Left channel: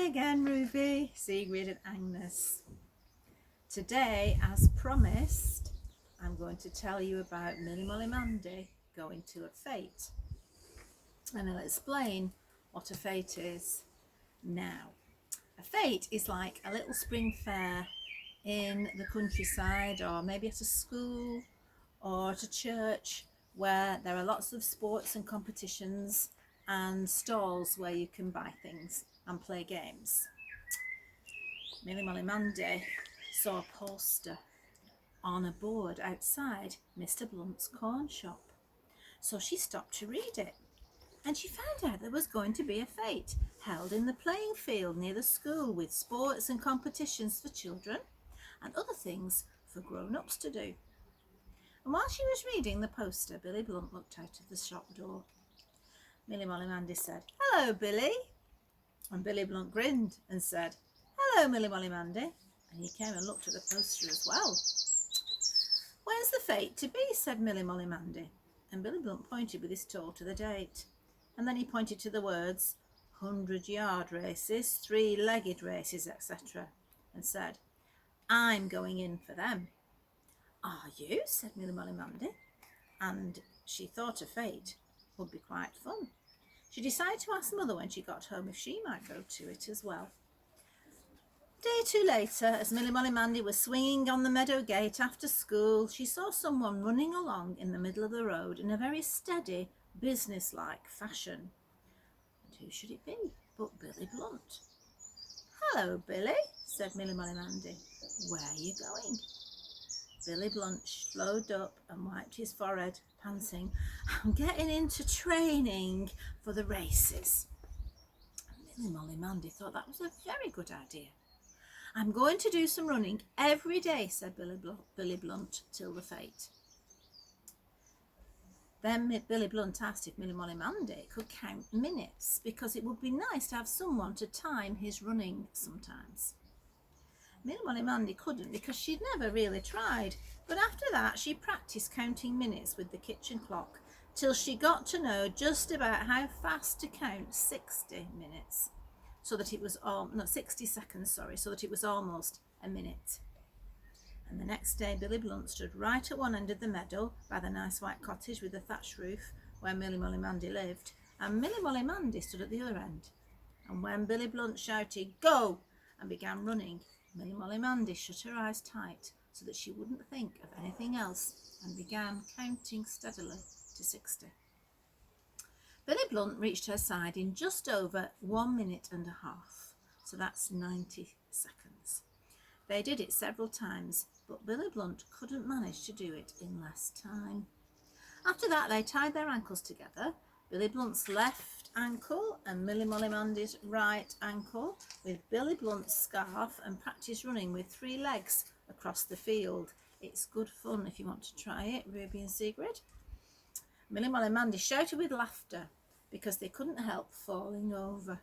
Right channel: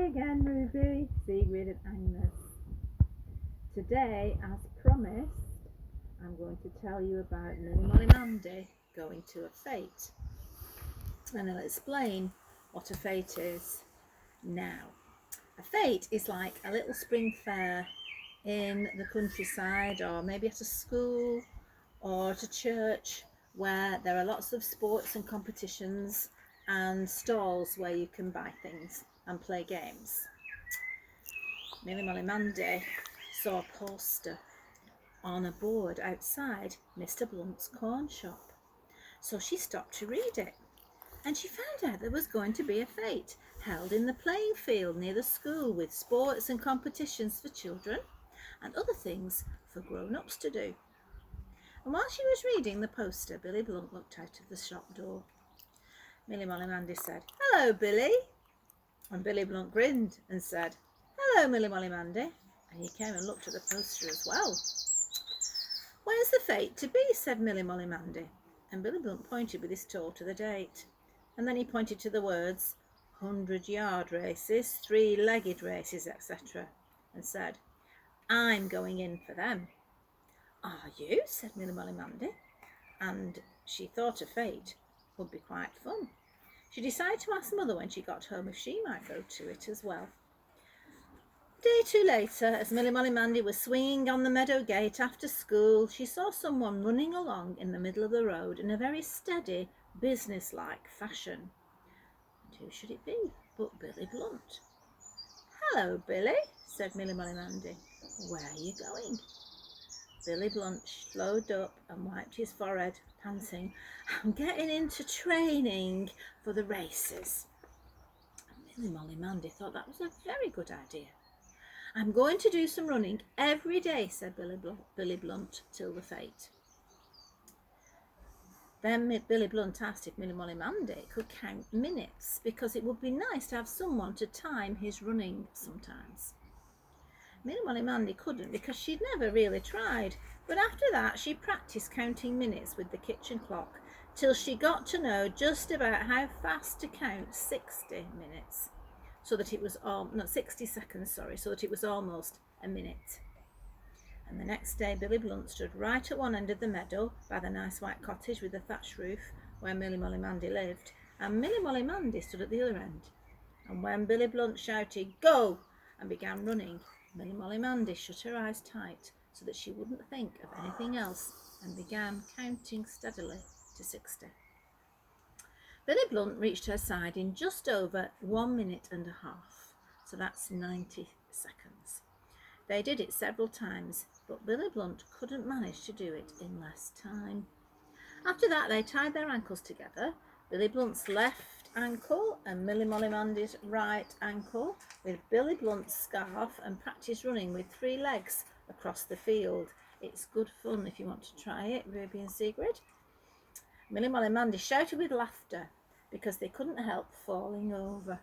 Hi again, Ruby, Sigrid and Agnes. Today, as promised, I'm going to tell you about Millie Molly Mandy going to a fete. And I'll explain what a fete is now. A fete is like a little spring fair in the countryside, or maybe at a school or at a church, where there are lots of sports and competitions and stalls where you can buy things and play games. Millie Molly Mandy saw a poster on a board outside Mr. Blunt's corn shop. So she stopped to read it, and she found out there was going to be a fete held in the playing field near the school, with sports and competitions for children and other things for grown-ups to do. And while she was reading the poster, Billy Blunt looked out of the shop door. Millie Molly Mandy said, "Hello, Billy." And Billy Blunt grinned and said, "Hello, Millie Molly Mandy." And he came and looked at the poster as well. "When's the fete to be?" said Millie Molly Mandy. And Billy Blunt pointed with his toe to the date. And then he pointed to the words 100-yard races, 3-legged races, etc. and said, "I'm going in for them." "Are you?" said Millie Molly Mandy. And she thought a fete would be quite fun. She decided to ask Mother when she got home if she might go to it as well. A day or two later, as Millie Molly Mandy was swinging on the meadow gate after school, she saw someone running along in the middle of the road in a very steady, business-like fashion. And who should it be but Billy Blunt? "Hello, Billy," said Millie Molly Mandy. "Where are you going?" Billy Blunt slowed up and wiped his forehead, panting, "I'm getting into training for the races." Millie Molly Mandy thought that was a very good idea. "I'm going to do some running every day," said Billy Blunt, "till the fete." Then Billy Blunt asked if Millie Molly Mandy could count minutes, because it would be nice to have someone to time his running sometimes. Millie Molly Mandy couldn't, because she'd never really tried, but after that she practiced counting minutes with the kitchen clock till she got to know just about how fast to count 60 minutes, so that it was 60 seconds, so that it was almost a minute. And the next day Billy Blunt stood right at one end of the meadow by the nice white cottage with the thatched roof where Millie Molly Mandy lived, and Millie Molly Mandy stood at the other end. And when Billy Blunt shouted "Go!" and began running, Millie Molly Mandy shut her eyes tight so that she wouldn't think of anything else, and began counting steadily to 60. Billy Blunt reached her side in just over 1 minute and a half, so that's 90 seconds. They did it several times, but Billy Blunt couldn't manage to do it in less time. After that, they tied their ankles together, Billy Blunt's left ankle and Millie Molly Mandy's right ankle, with Billy Blunt's scarf, and practiced running with 3 legs across the field. It's good fun if you want to try it, Ruby and Sigrid. Millie Molly Mandy shouted with laughter because they couldn't help falling over.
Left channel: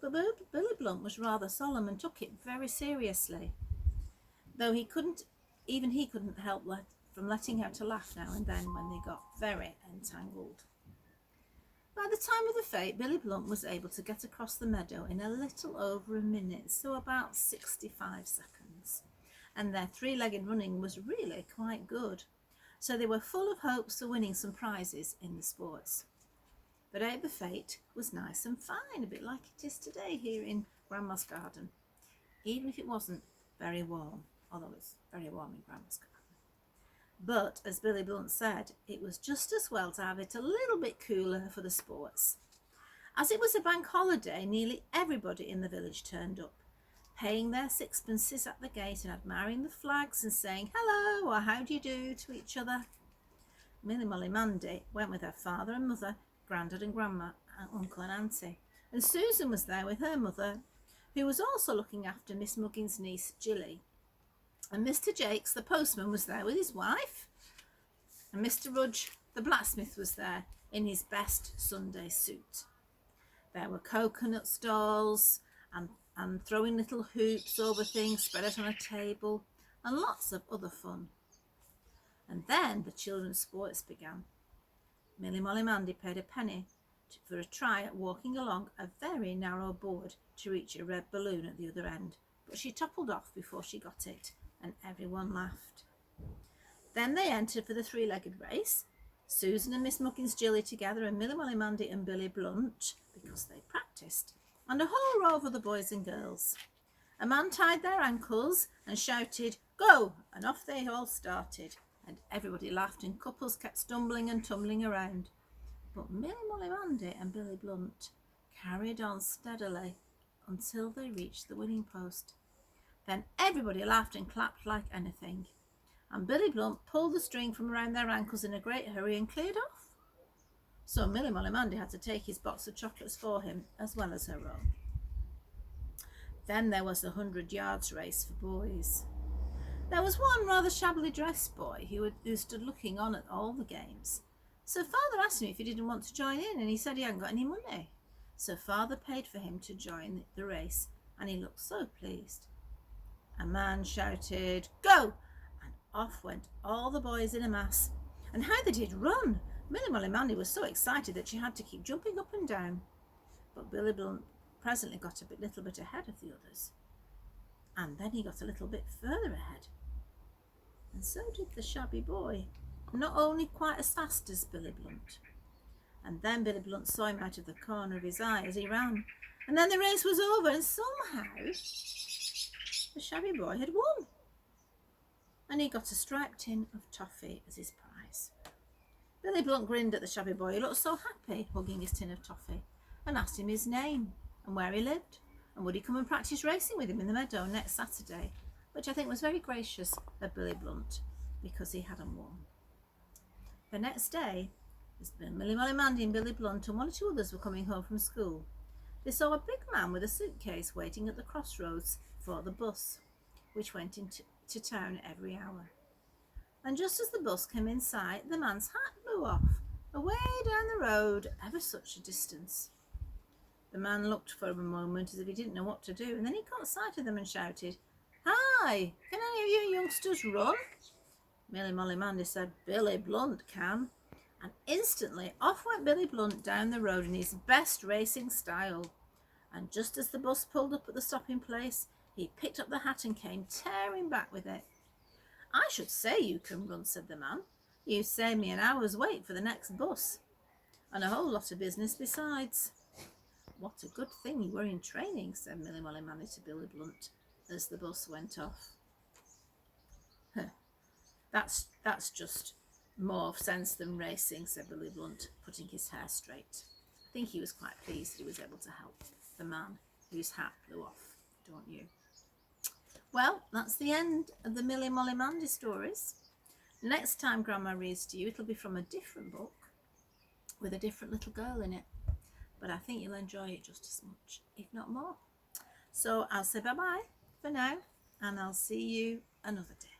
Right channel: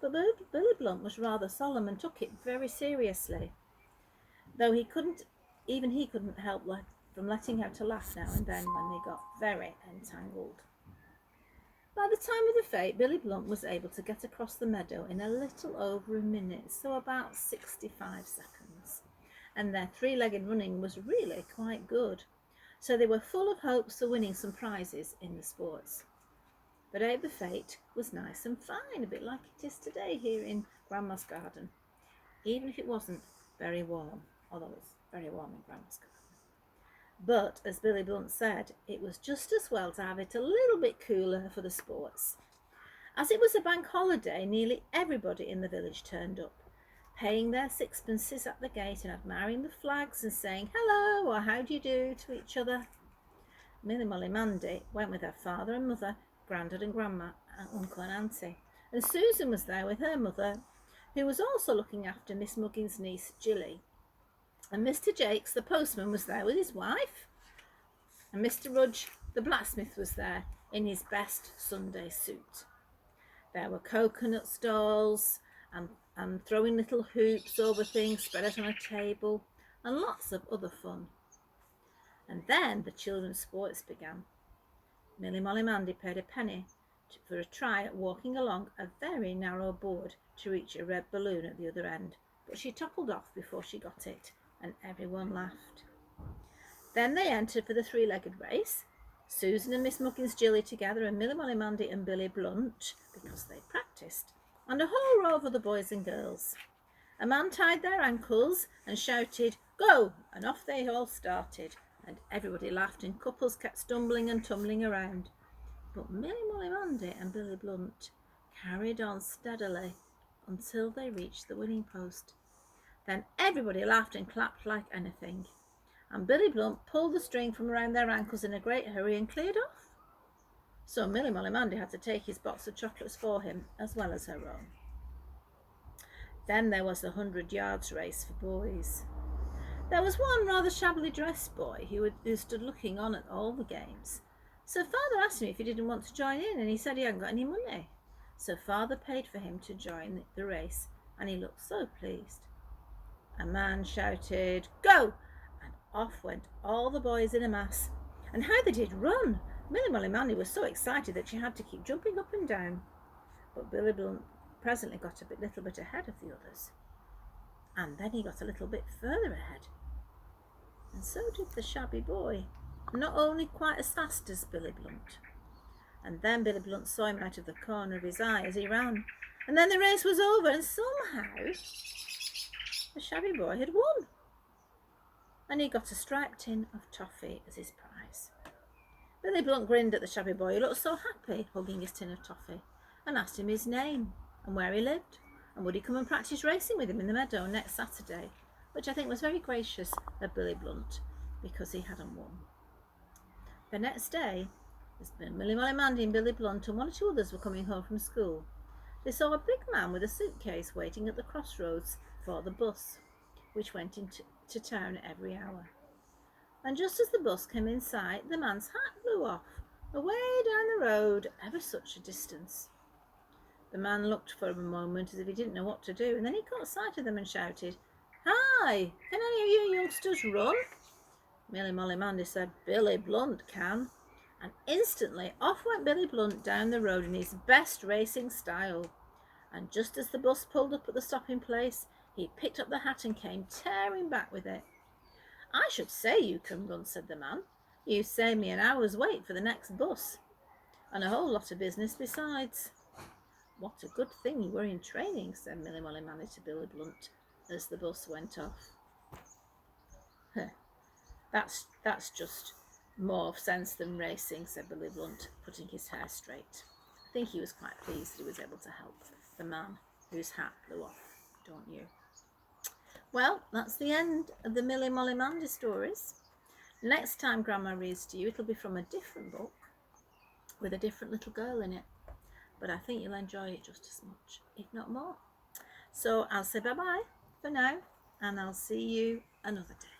But Billy Blunt was rather solemn and took it very seriously, though he couldn't help from letting out a laugh now and then when they got very entangled. By the time of the fete, Billy Blunt was able to get across the meadow in a little over a minute, so about 65 seconds. And their 3-legged running was really quite good, so they were full of hopes for winning some prizes in the sports. The day of the fete was nice and fine, a bit like it is today here in Grandma's garden, even if it wasn't very warm, although it's very warm in Grandma's garden. But, as Billy Blunt said, it was just as well to have it a little bit cooler for the sports. As it was a bank holiday, nearly everybody in the village turned up, paying their sixpences at the gate and admiring the flags and saying hello or how do you do to each other. Millie Molly Mandy went with her father and mother, Grandad and Grandma, and Uncle and Auntie, and Susan was there with her mother, who was also looking after Miss Muggins's niece Jilly. And Mr. Jakes, the postman, was there with his wife. And Mr. Rudge, the blacksmith, was there in his best Sunday suit. There were coconut stalls and throwing little hoops over things spread out on a table, and lots of other fun. And then the children's sports began. Millie Molly Mandy paid a penny for a try at walking along a very narrow board to reach a red balloon at the other end, but she toppled off before she got it, and everyone laughed. Then they entered for the three-legged race, Susan and Miss Muggins Jilly together, and Milly Molly Mandy and Billy Blunt, because they practised, and a whole row of other boys and girls. A man tied their ankles and shouted, "Go!" and off they all started, and everybody laughed and couples kept stumbling and tumbling around. But Milly Molly Mandy and Billy Blunt carried on steadily until they reached the winning post. Then everybody laughed and clapped like anything, and Billy Blunt pulled the string from around their ankles in a great hurry and cleared off. So Milly Molly Mandy had to take his box of chocolates for him, as well as her own. Then there was the 100 yards race for boys. There was one rather shabbily dressed boy who stood looking on at all the games. So Father asked him if he didn't want to join in, and he said he hadn't got any money. So Father paid for him to join the race, and he looked so pleased. A man shouted, "Go!" and off went all the boys in a mass. And how they did run! Milly Molly Mandy was so excited that she had to keep jumping up and down. But Billy Blunt presently got a little bit ahead of the others. And then he got a little bit further ahead. And so did the shabby boy, not only quite as fast as Billy Blunt. And then Billy Blunt saw him out of the corner of his eye as he ran. And then the race was over, and somehow the shabby boy had won. And he got a striped tin of toffee as his prize. Billy Blunt grinned at the shabby boy, who looked so happy, hugging his tin of toffee, and asked him his name and where he lived, and would he come and practice racing with him in the meadow next Saturday, which I think was very gracious of Billy Blunt, because he hadn't won. The next day, as Milly Molly Mandy and Billy Blunt and one or two others were coming home from school, they saw a big man with a suitcase waiting at the crossroads for the bus, which went into town every hour. And just as the bus came in sight, the man's hat blew off, away down the road, ever such a distance. The man looked for a moment as if he didn't know what to do, and then he caught sight of them and shouted, "Hi, can any of you youngsters run?" Milly Molly Mandy said, "Billy Blunt can." And instantly off went Billy Blunt down the road in his best racing style. And just as the bus pulled up at the stopping place, he picked up the hat and came tearing back with it. "I should say you can run," said the man. "You saved me an hour's wait for the next bus, and a whole lot of business besides." "What a good thing you were in training," said Milly Molly Mandy to Billy Blunt as the bus went off. That's just more sense than racing," said Billy Blunt, putting his hair straight. I think he was quite pleased that he was able to help the man whose hat blew off, don't you? Well, that's the end of the Milly Molly Mandy stories. Next time Grandma reads to you, it'll be from a different book with a different little girl in it. But I think you'll enjoy it just as much, if not more. So I'll say bye-bye for now, and I'll see you another day.